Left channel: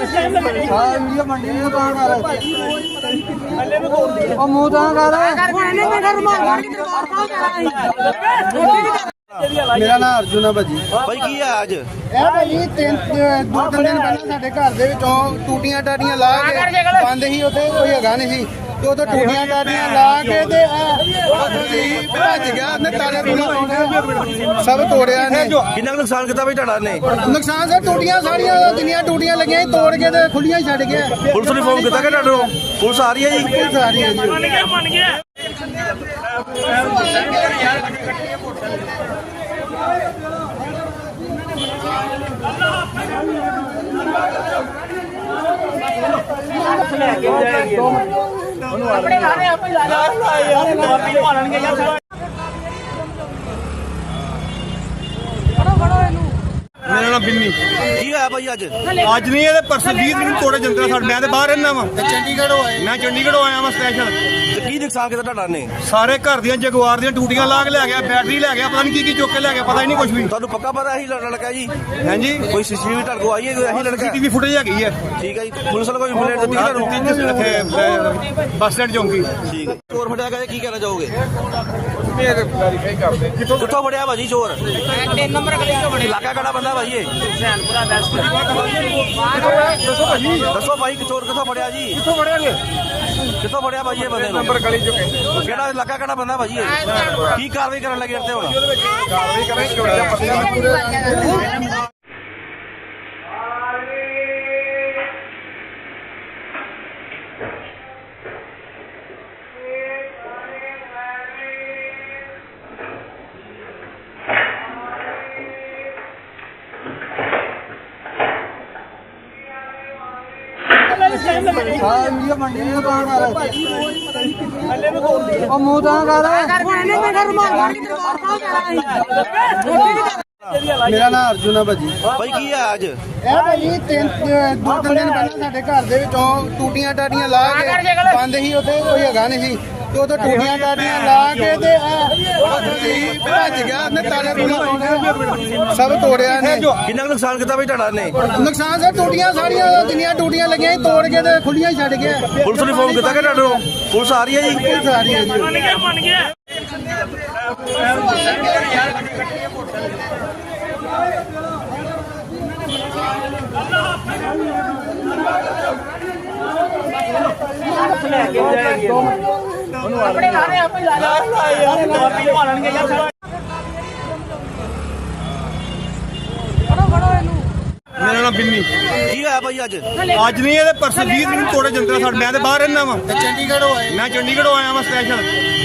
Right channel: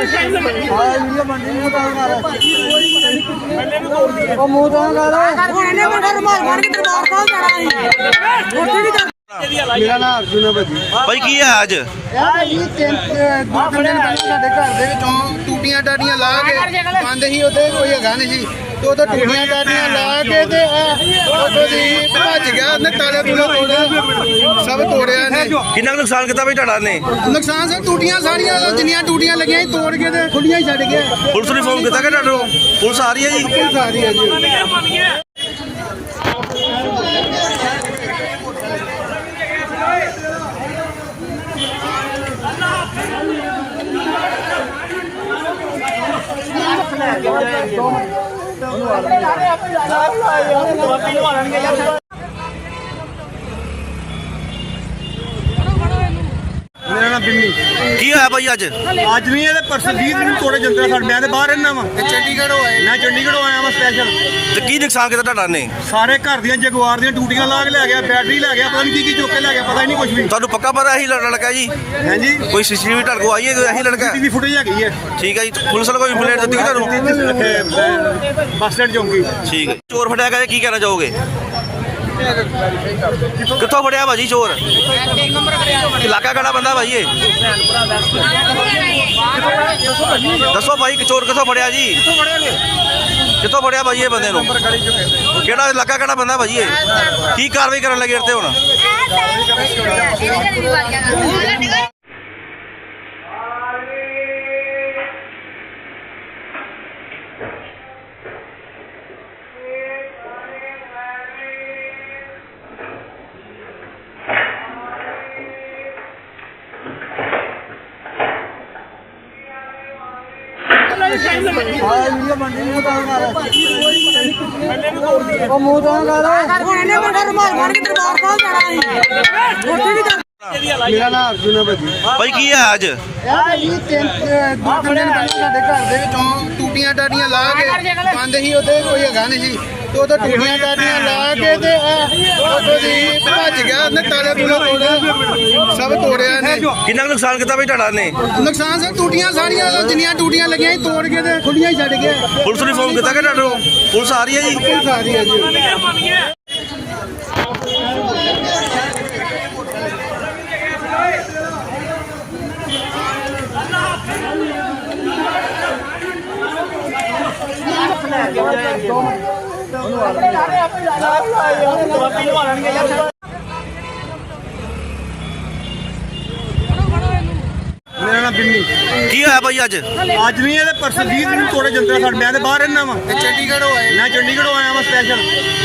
ਹਾਂ ਵੀਡੀਓ ਮੰਡੀ ਨੂੰ ਤਾਂ ਕਰ ਉਹ ਮੂੰਹ ਤਾਂ ਕਰ ਮੇਰਾ ਨਾਮ ਅਰਜੁਨ ਹੈ ਭਾਜੀ। ਭਾਈ ਕੀ ਹੈ ਅੱਜ? ਇਹ ਭਾਜੀ ਤਿੰਨ ਦੋ ਤਿੰਨ ਦਿਨ ਪਹਿਲਾਂ ਸਾਡੇ ਘਰ ਦੇ ਵਿੱਚੋਂ ਟੂਟੀਆਂ ਟਾਟੀਆਂ ਲਾ ਕੇ ਬੰਦ ਸੀ ਉੱਥੇ ਕੋਈ ਹੈਗਾ ਨਹੀਂ ਸੀ। ਤੇ ਉਦੋਂ ਟੂਟੀਆਂ ਟਾਟੀਆਂ ਲਾ ਕੇ ਤੇ ਉੱਥੇ ਦੀ ਭੱਜ ਗਿਆ ਉਹਨੇ ਤਾਲੇ ਤੋੜਿਆ ਸਭ ਤੋੜਿਆ ਨੇ ਕਿੰਨਾ ਕੁ ਨੁਕਸਾਨ ਕੀਤਾ ਭਾਈ ਤੁਹਾਡਾ ਨੇ? ਨੁਕਸਾਨ ਸਰ ਟੂਟੀਆਂ ਸਾਰੀਆਂ ਜਿੰਨੀਆਂ ਟੂਟੀਆਂ ਲੱਗੀਆਂ ਸੀ ਤੋੜ ਕੇ ਤੇ ਖੁੱਲੀਆਂ ਹੀ ਛੱਡ ਗਿਆ ਪੁਲਿਸ ਨੂੰ ਫੋਨ ਕੀਤਾ ਕਿ ਤੁਹਾਨੂੰ ਪੁਲਿਸ ਆ ਰਹੀ ਹੈ ਜੀ? ਸਾਰੀ ਹੈ ਜੀ ਮੇਰਾ ਨਾਮ ਬਿੰਨੀ। ਕੀ ਹੋਇਆ ਭਾਈ ਅੱਜ? ਅੱਜ ਨਹੀਂ ਇਹਦੇ ਪਰਸੋਂ 20 ਦਿਨ ਤੋੜੇ ਜੰਦਰਾ ਸਾਡੇ। ਮੈਂ ਤੇ ਬਾਹਰ ਰਹਿਣਾ ਵਾ। ਚੰਡੀਗੜ੍ਹ ਮੈਂ ਚੰਡੀਗੜ੍ਹੋਂ ਆਇਆ ਵਾਂ ਸਪੈਸ਼ਲ ਤੇ ਕੀ ਨੁਕਸਾਨ ਕੀਤਾ ਤੁਹਾਡਾ ਨੇ? ਸਾਰੇ ਘਰ ਦੀਆਂ ਜਗਵਾਰ ਦੀਆਂ ਟੂਟੀਆਂ ਲਾ ਕੇ ਲੈ ਗਿਆ ਬੈਟਰੀ ਲੈ ਗਿਆ ਪਤਾ ਨਹੀਂ ਕੀ ਕੀ ਚੁੱਕ ਕੇ ਲੈ ਗਿਆ ਪਤਾ ਹੀ ਨਹੀਂ ਕੁਝ ਵੀ। ਤੁਹਾਨੂੰ ਪੱਕਾ ਪਤਾ ਇਹੀ ਲੜ- ਲੜਕਾ ਜੀ? ਹਾਂਜੀ। ਕੋਈ ਸੀਸੀਟੀਵੀ ਤੁਹਾਡੇ ਕੋਲ ਆਈ ਹੈ ਕੋਈ ਇਹੀ ਲੜਕਾ? ਟੀਵੀ ਫੁਟੇਜ ਹੈਗੀ ਹੈ। ਠੀਕ ਹੈ ਜੀ ਪੁਲਿਸ ਵਾਲੇ ਕੋਈ ਕੰਪਲੇਂਟ ਦਿੱਤੀ ਤੁਹਾਨੂੰ? ਇੱਥੇ ਅਹ, ਬੱਸ ਸਟੈਂਡ ਚੌਂਕੀ। ਠੀਕ ਹੈ ਚੋਰ ਫੜਿਆ ਗਿਆ ਜੀ, ਕੀ ਕਹਿਣਾ ਚਾਹੋਗੇ? ਕਿੱਥੋਂ ਫੜਿਆ ਭਾਜੀ ਚੋਰ? ਇਲਾਕਾ ਕਿਹੜਾ ਬੰਦਾ ਭਾਈ ਇਹ? ਦੱਸੋ ਭਾਈ ਕਿ ਚੋਰ ਕਿੱਥੋਂ ਫੜਿਆ ਜੀ? ਕਿੱਥੋਂ ਫੜਿਆ ਭਾਜੀ ਇਹ ਬੰਦੇ ਨੂੰ? ਕਿਹੜਾ ਇਲਾਕਾ ਕਿਹੜਾ ਬੰਦਾ ਭਾਜੀ ਇਹ? ਕੀ ਕਾਰਵਾਈ ਕਰਨ ਲੱਗੇ ਇੱਥੇ ਹੁਣ? ਹਾਂ ਵੀਡੀਓ ਮੰਡੀ ਨੂੰ ਤਾਂ ਕਰ ਉਹ ਮੂੰਹ ਤਾਂ ਕਰ ਮੇਰਾ ਨਾਮ ਅਰਜੁਨ ਹੈ ਭਾਜੀ। ਭਾਈ ਕੀ ਹੈ ਅੱਜ? ਇਹ ਭਾਜੀ ਤਿੰਨ ਦੋ ਤਿੰਨ ਦਿਨ ਪਹਿਲਾਂ ਸਾਡੇ ਘਰ ਦੇ ਵਿੱਚੋਂ ਟੂਟੀਆਂ ਟਾਟੀਆਂ ਲਾ ਕੇ ਬੰਦ ਸੀ ਉੱਥੇ ਕੋਈ ਹੈਗਾ ਨਹੀਂ ਸੀ। ਤੇ ਉਦੋਂ ਟੂਟੀਆਂ ਟਾਟੀਆਂ ਲਾ ਕੇ ਤੇ ਉੱਥੇ ਦੀ ਭੱਜ ਗਿਆ ਉਹਨੇ ਤਾਲੇ ਤੋੜਿਆ ਸਭ ਤੋੜਿਆ ਨੇ। ਕਿੰਨਾ ਕੁ ਨੁਕਸਾਨ ਕੀਤਾ ਭਾਈ ਤੁਹਾਡਾ ਨੇ? ਨੁਕਸਾਨ ਸਰ ਟੂਟੀਆਂ ਸਾਰੀਆਂ ਜਿੰਨੀਆਂ ਟੂਟੀਆਂ ਲੱਗੀਆਂ ਸੀ ਤੋੜ ਕੇ ਤੇ ਖੁੱਲੀਆਂ ਹੀ ਛੱਡ ਗਿਆ ਪੁਲਿਸ ਨੂੰ ਫੋਨ ਕੀਤਾ ਕਿ ਤੁਹਾਨੂੰ ਪੁਲਿਸ ਆ ਰਹੀ ਹੈ ਜੀ? ਸਾਰੀ ਹੈ ਜੀ ਮੇਰਾ ਨਾਮ ਬਿੰਨੀ ਕੀ ਹੋਇਆ ਭਾਈ ਅੱਜ? ਅੱਜ ਨਹੀਂ ਇਹਦੇ ਪਰਸੋਂ 20 ਦਿਨ ਤੋੜੇ ਜੰਦਰਾ ਸਾਡੇ। ਮੈਂ ਤੇ ਬਾਹਰ ਰਹਿਣਾ ਵਾ। ਚੰਡੀਗੜ੍ਹ ਹੋਏ ਮੈਂ ਚੰਡੀਗੜ੍ਹੋਂ ਆਇਆ ਵਾਂ ਸਪੈਸ਼ਲ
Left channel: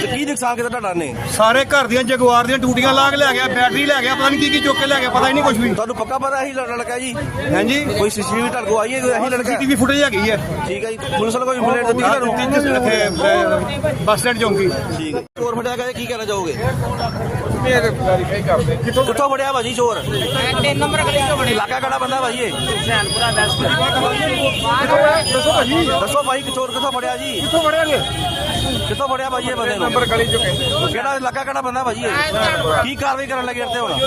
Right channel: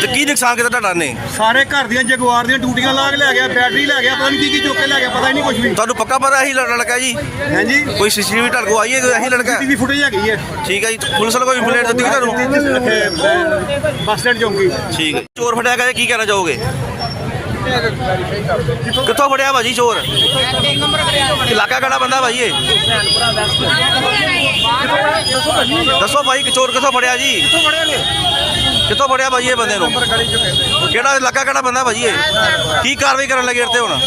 ਤੇ ਕੀ ਨੁਕਸਾਨ ਕੀਤਾ ਤੁਹਾਡਾ ਨੇ? ਸਾਰੇ ਘਰ ਦੀਆਂ ਜਗਵਾਰ ਦੀਆਂ ਟੂਟੀਆਂ ਲਾ ਕੇ ਲੈ ਗਿਆ ਬੈਟਰੀ ਲੈ ਗਿਆ ਪਤਾ ਨਹੀਂ ਕੀ ਕੀ ਚੁੱਕ ਕੇ ਲੈ ਗਿਆ ਪਤਾ ਹੀ ਨਹੀਂ ਕੁਝ ਵੀ। ਤੁਹਾਨੂੰ ਪੱਕਾ ਪਤਾ ਇਹੀ ਲੜ- ਲੜਕਾ ਜੀ? ਹਾਂਜੀ। ਕੋਈ ਸੀਸੀਟੀਵੀ ਤੁਹਾਡੇ ਕੋਲ ਆਈ ਹੈ ਕੋਈ ਇਹੀ ਲੜਕਾ? ਟੀਵੀ ਫੁਟੇਜ ਹੈਗੀ ਹੈ। ਠੀਕ ਹੈ ਜੀ ਪੁਲਿਸ ਵਾਲੇ ਕੋਈ ਕੰਪਲੇਂਟ ਦਿੱਤੀ ਕਿ ਤੁਹਾਨੂੰ? ਇੱਥੇ ਅਹ, ਬੱਸ ਸਟੈਂਡ ਚੌਂਕੀ। ਠੀਕ ਹੈ ਚੋਰ ਫੜਿਆ ਗਿਆ ਜੀ, ਕੀ ਕਹਿਣਾ ਚਾਹੋਗੇ? ਕਿੱਥੋਂ ਫੜਿਆ ਭਾਜੀ ਚੋਰ? ਇਲਾਕਾ ਕਿਹੜਾ ਬੰਦਾ ਭਾਈ ਇਹ? ਦੱਸੋ ਭਾਈ ਕਿ ਚੋਰ ਕਿੱਥੋਂ ਫੜਿਆ ਜੀ? ਕਿੱਥੋਂ ਫੜਿਆ ਭਾਜੀ ਇਹ ਬੰਦੇ ਨੂੰ? ਕਿਹੜਾ ਇਲਾਕਾ ਕਿਹੜਾ ਬੰਦਾ ਭਾਜੀ ਇਹ? ਕੀ ਕਾਰਵਾਈ ਕਰਨ ਲੱਗੇ ਇੱਥੇ ਹੁਣ?